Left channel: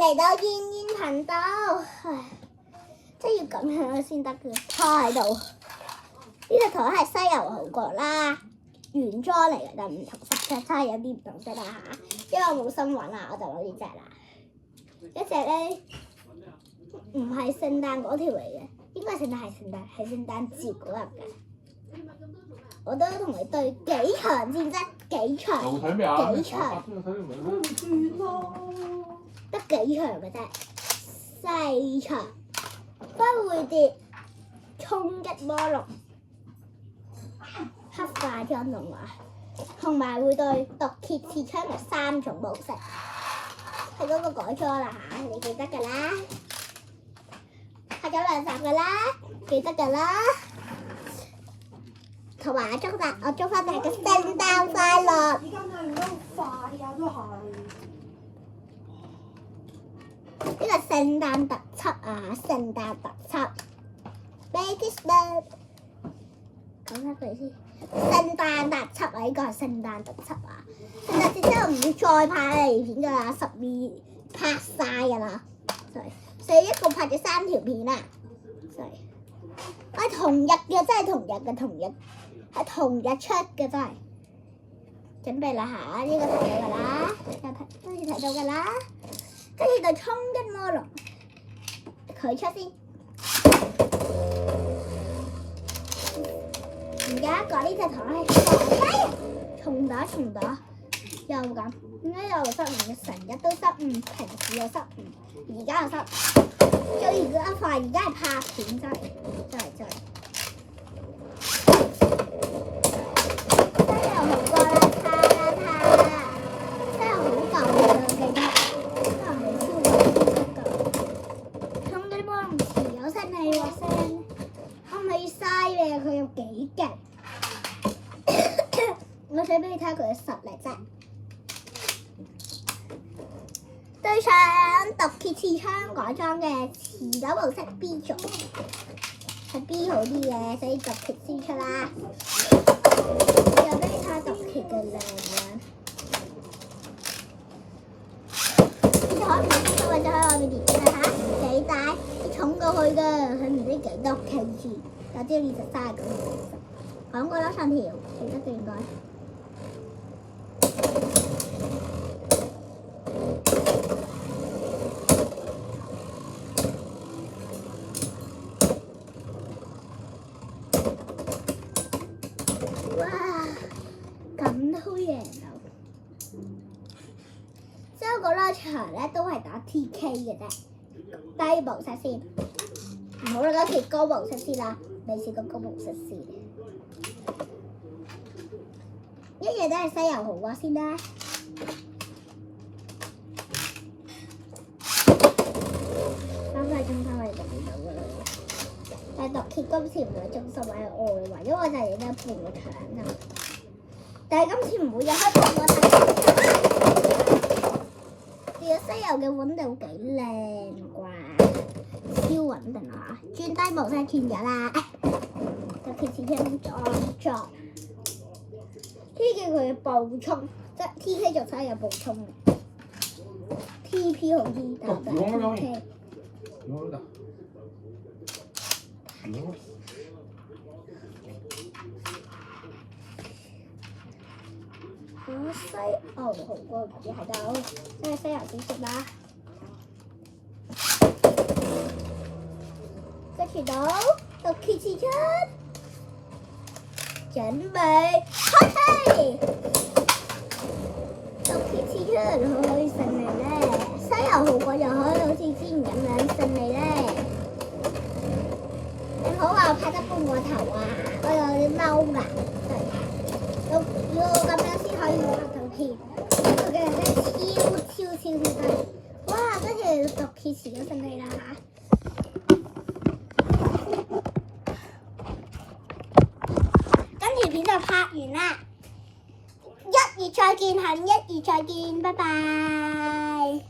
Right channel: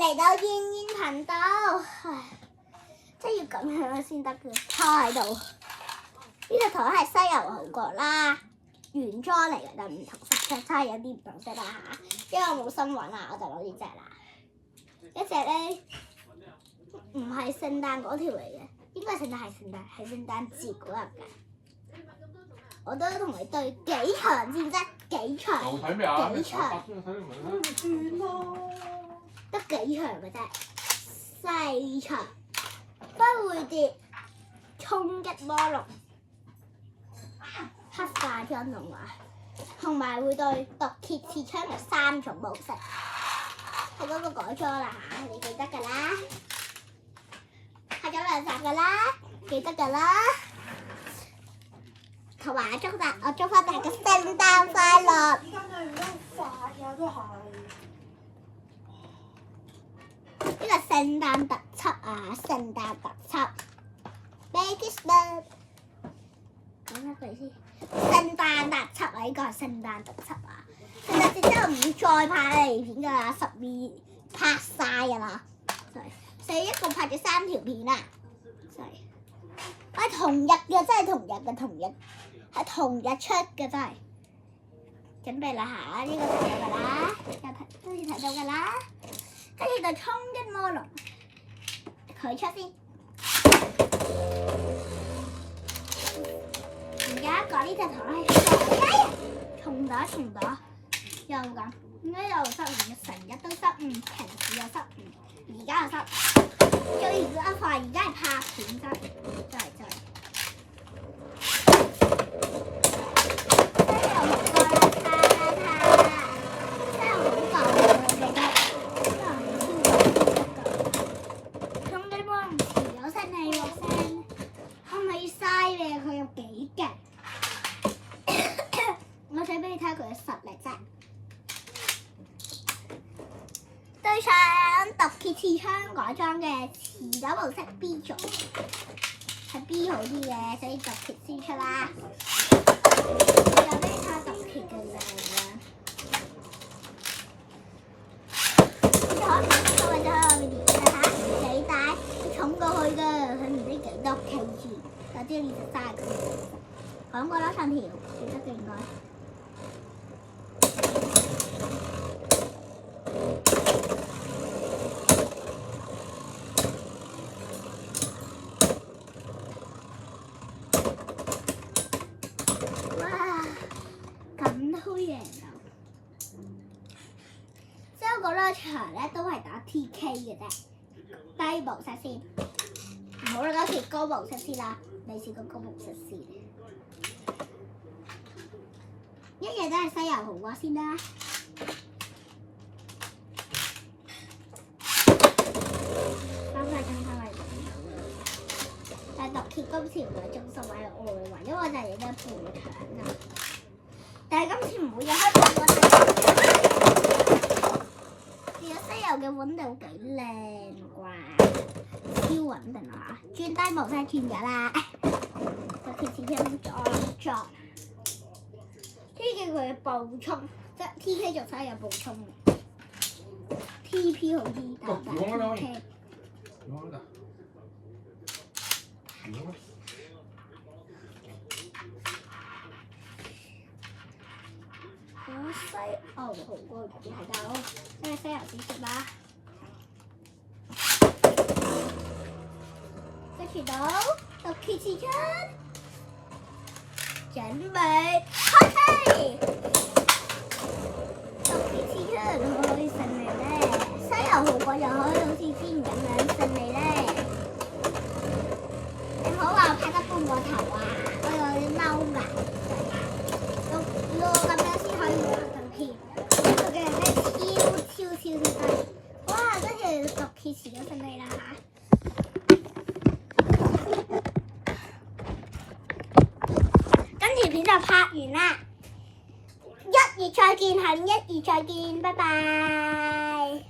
嚟到燕燕頻道，唉，真要咁樣先得嘅，坐喺度。呢隻台係西遊好過啦，原裝嚟嘅，但唔同色，真係有啲唔同色啦嚇。因為我冇心揾啊，我就攞呢隻啦。一隻咧唔係聖誕嗰條嚟嘅，應該係聖誕節嗰日嘅。我都同你對幾長先啫，幾長？幾長？得幾長嘅啫，細長，不會跌，衝擊魔龍，黑化妝動畫，同埋會對毒蠍刺槍嘅3種模式，係嗰個改裝啦嚇，你記得㗎啦，拍咗2集㗎啦，記得㗎啦，同埋我祝翻大家聖誕快樂！呢個聖誕特輯啊，聖誕特輯 ，Merry Christmas， 講一句先，聖誕特輯啊，呢個係聖誕特輯啊，聖誕節之後唔會再拍嚟片㗎啦，12拍晒㗎啦，所以一共拍咗3條片啊，係同日嘅，真係同日嘅，係同日出嘅真係，準備啦嚇，呢個睇到㗎啦，跟住睇到㗎啦。跟住就衝擊魔龍，佢出先。而家講呢隻台，重打，又咁，點解又失誤？成日都失誤，平時又失誤，而家又失。最而家快，而家係拍片真係。佢有幾勁？我想俾你睇下佢嘅實力啫。對上毒蠍刺槍改裝嘅持久模式 B 組，係 B 好啲嘅，所以毒蠍先出啦。我有俾你睇下毒蠍嘅靚樣。你可唔可以喺外面練下幾大？佢重過去㗎，佢唔知幾多 kg。我知呢隻3咁，講過啦上條，記得嘅應該。哇！咁都贏到，所以嗰兩場咧都係打 TK 嘅啫，低模式先，唔好啦，嗰條高模式先啦。你試過高模式先，一樣都係西遊好過先啦。3個鐘頭係咁樣㗎啦，但係毒蠍今次唔會中心喺外圍，因為我就係影咗半個場啫。但係今次唔會有黑色喎。其實西遊嘅穩定幾靚啩，超穩定啊！轉低模式轉咗啦。毒蠍刺槍裝 ，T.K. 佢嘅暴衝，即係 T.K. 就真係有暴衝嘅 ，T.P. 好啲，但係 T.K. 西牛好過魚喺度，即係西遊先食啦。跟住到毒蠍刺槍。準備開始，毒蠍刺槍可以順利咧，西遊好過又可以好似之前咁樣順利咧。你唔好話我拍得半個頭啊，我有啲踎牙，要咁樣先可以拍到片。佢嘅人咧超快，哇！跟住毒蠍刺咗順利啦嚇。條片就拍完啦，1月再見，下年1月再見，拜拜。